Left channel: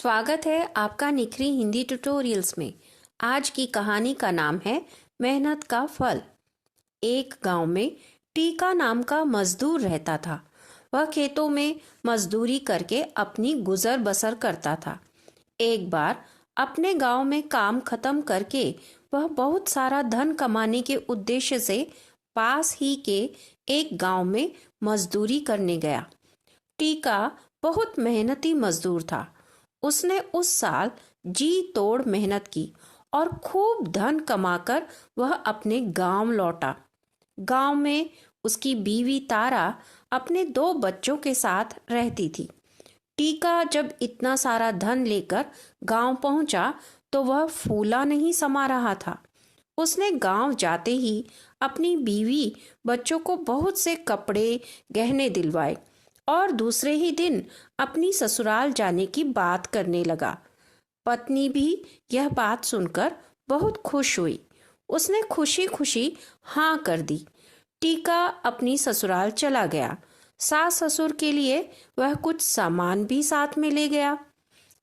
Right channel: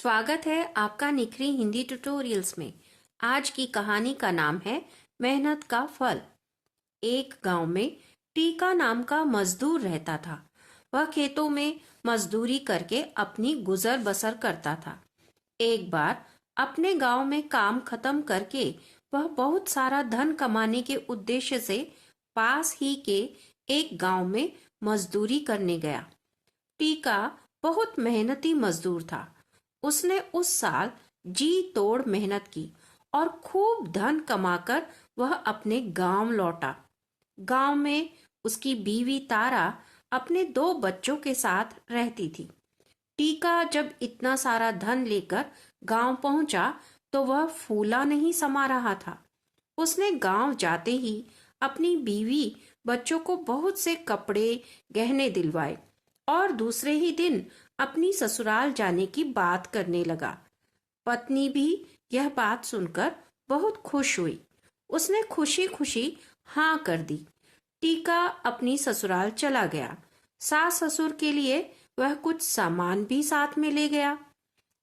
स्वागत है आपका निखरी हिंदी ट्यूटोरियल्स में। आज की कहानी का नाम है मेहनत का फल। एक गांव में टीका नाम का मजदूर रहता था। वह खेतों में मजदूरी करके अपनी गुजर बसर करता था। एक बार अपने गांव में काम खत्म करके वह बहुत सारा धन कमाने के उद्देश्य से पास ही के एक गांव में मजदूरी करने गया। टीका बहुत मेहनती मजदूर था। उसने उस साल जी तोड़ मेहनत की और खूब धन कमाकर वह अपने गांव लौटा। गांव में उसकी बीवी तारा अपने 2 बच्चों के साथ रहती थी। टीका जब इतना सारा धन लेकर गांव पहुंचा तो वह फूला नहीं समा रहा था। उसने गांव जाते ही अपनी बीवी बच्चों को बहुत से कपड़े गहने दिलवाए और दूसरे ही दिन अपनी ससुराल जाने की बात करने लगा। पत्नी भी यह बात सुनकर बहुत खुश हुई। उसने खुशी खुशी हाँ कर दी। टीका अपनी ससुराल चला गया। सास ससुर के लिए वह कुछ सामान भी साथ में ले गया।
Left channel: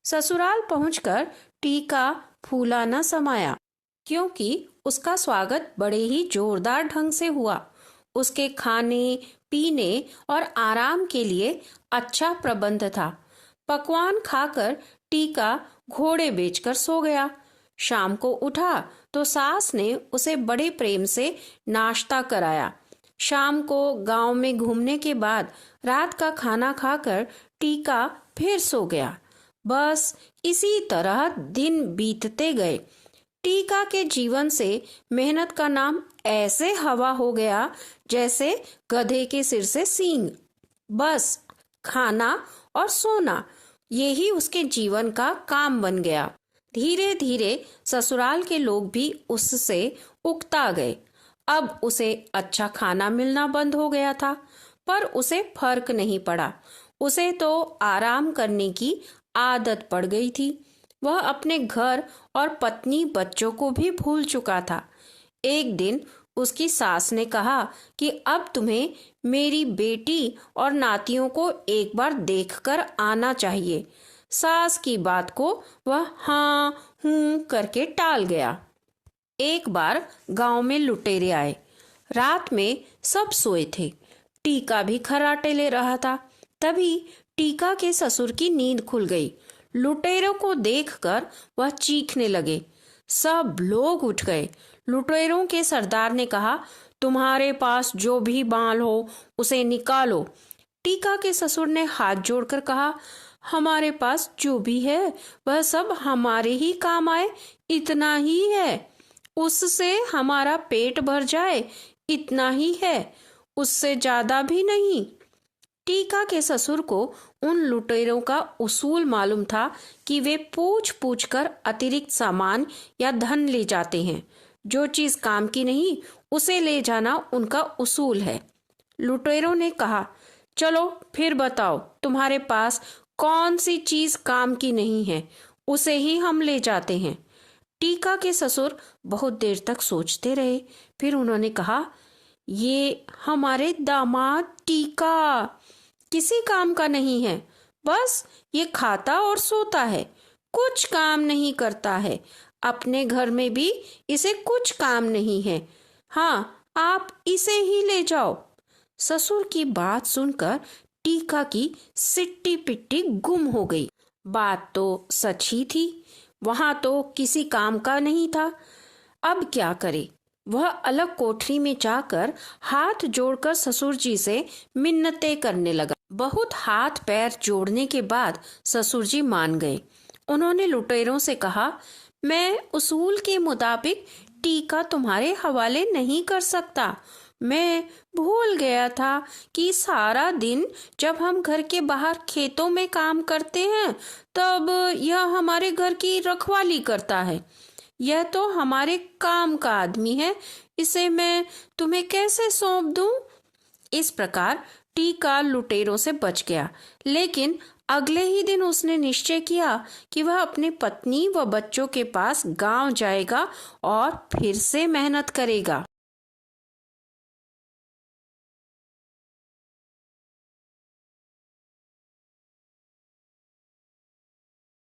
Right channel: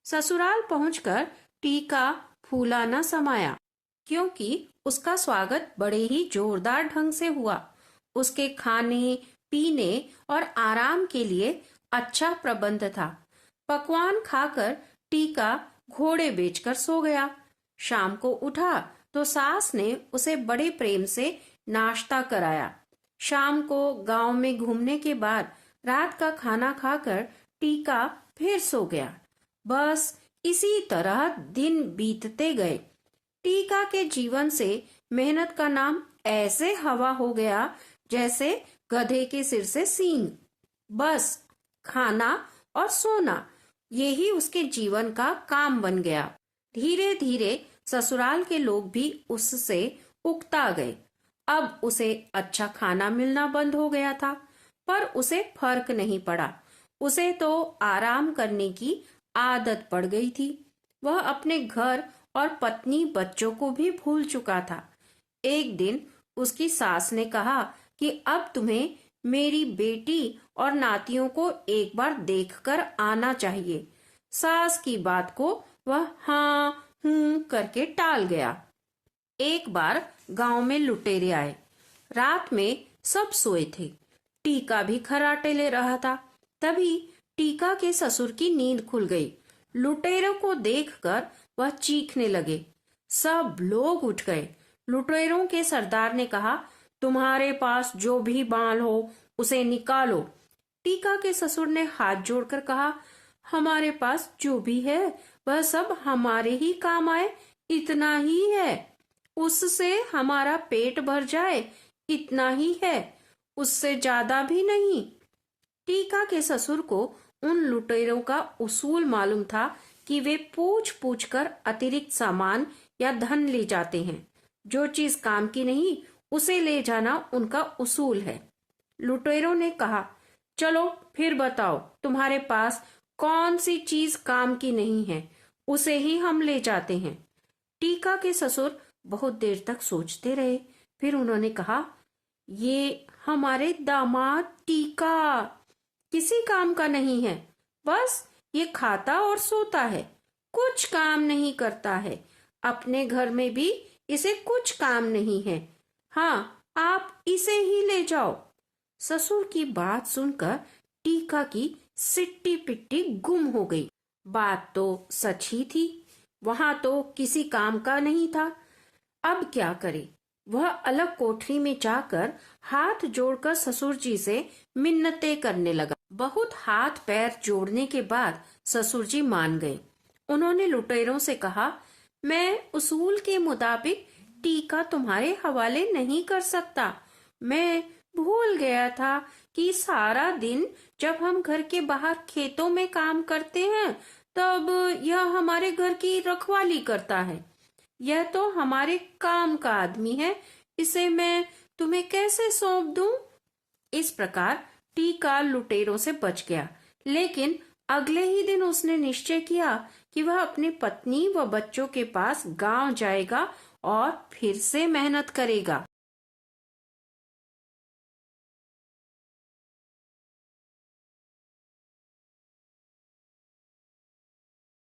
ससुराल पहुंचकर टीका फूला न समाया, क्योंकि उसका स्वागत बड़े ही जोरदार ढंग से हुआ। उसके खाने पीने और आराम के लिए अच्छा प्रबंध था। पकवान खाकर टीका घोड़े बेचकर सो गया। शाम को उठा तो सास ने उसे बड़े प्रेम से नाश्ता कराया। शाम को गांव में घूमने के बाद रात का खाना खाकर टीका फिर सो गया। बस इसी तरह दिन बीतते गए। टीका के जीवन से मेहनत का नाम ऐसे हवा हो गया जैसे गधे के सिर से सींग। बस खाना और सोना, यही उसके जीवन का काम बन गया। धीरे धीरे ससुराल के लोग भी उससे उकता गए। अब उसे अच्छा खाना मिलना बंद हो गया था, पर उसे फर्क नहीं पड़ा। उसे तो आराम करने की आदत पड़ गई थी। वह अपने घर और पत्नी बच्चों को भी भूल चुका था। एक दिन उसकी सास ने कहा कि अब तुम्हें मेरी बेटी और नातियों को एक बार देखकर आना चाहिए। सास की बात को वह हाँ हूँ करके टाल गया। एक बार गांव में लुटेरे आए। रात में सब सोए थे। टीका भी खर्राटे ले रहा था। तभी टीका के ससुर की नींद खुल गई। लुटेरों को देखकर वह चीखने लगे। सब लोग उठ गए। लुटेरों के सरदार ने कहा, तुम्हारे पास जो भी माल हो उसे निकालो। टीका के ससुर ने हाथ जोड़कर कहा, हमारे पास जो भी है वह सब हमारे ही काम आए, इतना ही है। उससे हमारा पेट भर जाए, इतना ही है, उससे ज्यादा भी नहीं। टीका के ससुर को उन लुटेरों का उसूल मालूम था कि वे पूछ पूछ कर अतिरिक्त सामान या धन ले जाते हैं। जो चीज काम की नहीं उसे ले जाना उनका उसूल है। लुटेरों ने कहा, चलो फिर बताओ तुम्हारे पास कौन सी चीज काम की नहीं है, उसे ही हम ले जाते हैं। टीका के ससुर बहुत देर तक सोचते रहे। फिर उन्होंने कहा, ये हमारे दामाद टीका किसी काम का नहीं है। बस ये खाता और सोता है, कुछ काम नहीं करता है। अपने घर में भी इसे कुछ काम नहीं है। हाँ, आप इसे ही ले जाओ। ससुर की बात सुनकर टीका की सिट्टी पिट्टी गुम हो गई। बात तो सच ही थी। वहां तो किसी काम का नहीं था। अब क्या करे? वह अलग कोठरी में जाकर हाथ जोड़कर ससुर जी से मिन्नतें करने लगा। बहुत हाथ पैर जोड़ने के बाद ससुर जी मान गए। उन्होंने लुटेरों से कहा, मैं उसूल के मुताबिक टीका तुम्हारे हवाले नहीं कर सकता। मैं भूल गया था कि सारा दिन जब हम घर के बाहर खेतों में काम करते हैं तब यह हमारे घर की रखवाली करता है। यह तो हमारे काम का आदमी है, इसे मैं तुम्हें कैसे सौंप दूं? इस प्रकार टीका लुटेरों से बच गया। लेकिन अगले ही दिन उसने निश्चय किया कि वह अपने पत्नी व बच्चों के पास गांव जाएगा और फिर से मेहनत करेगा।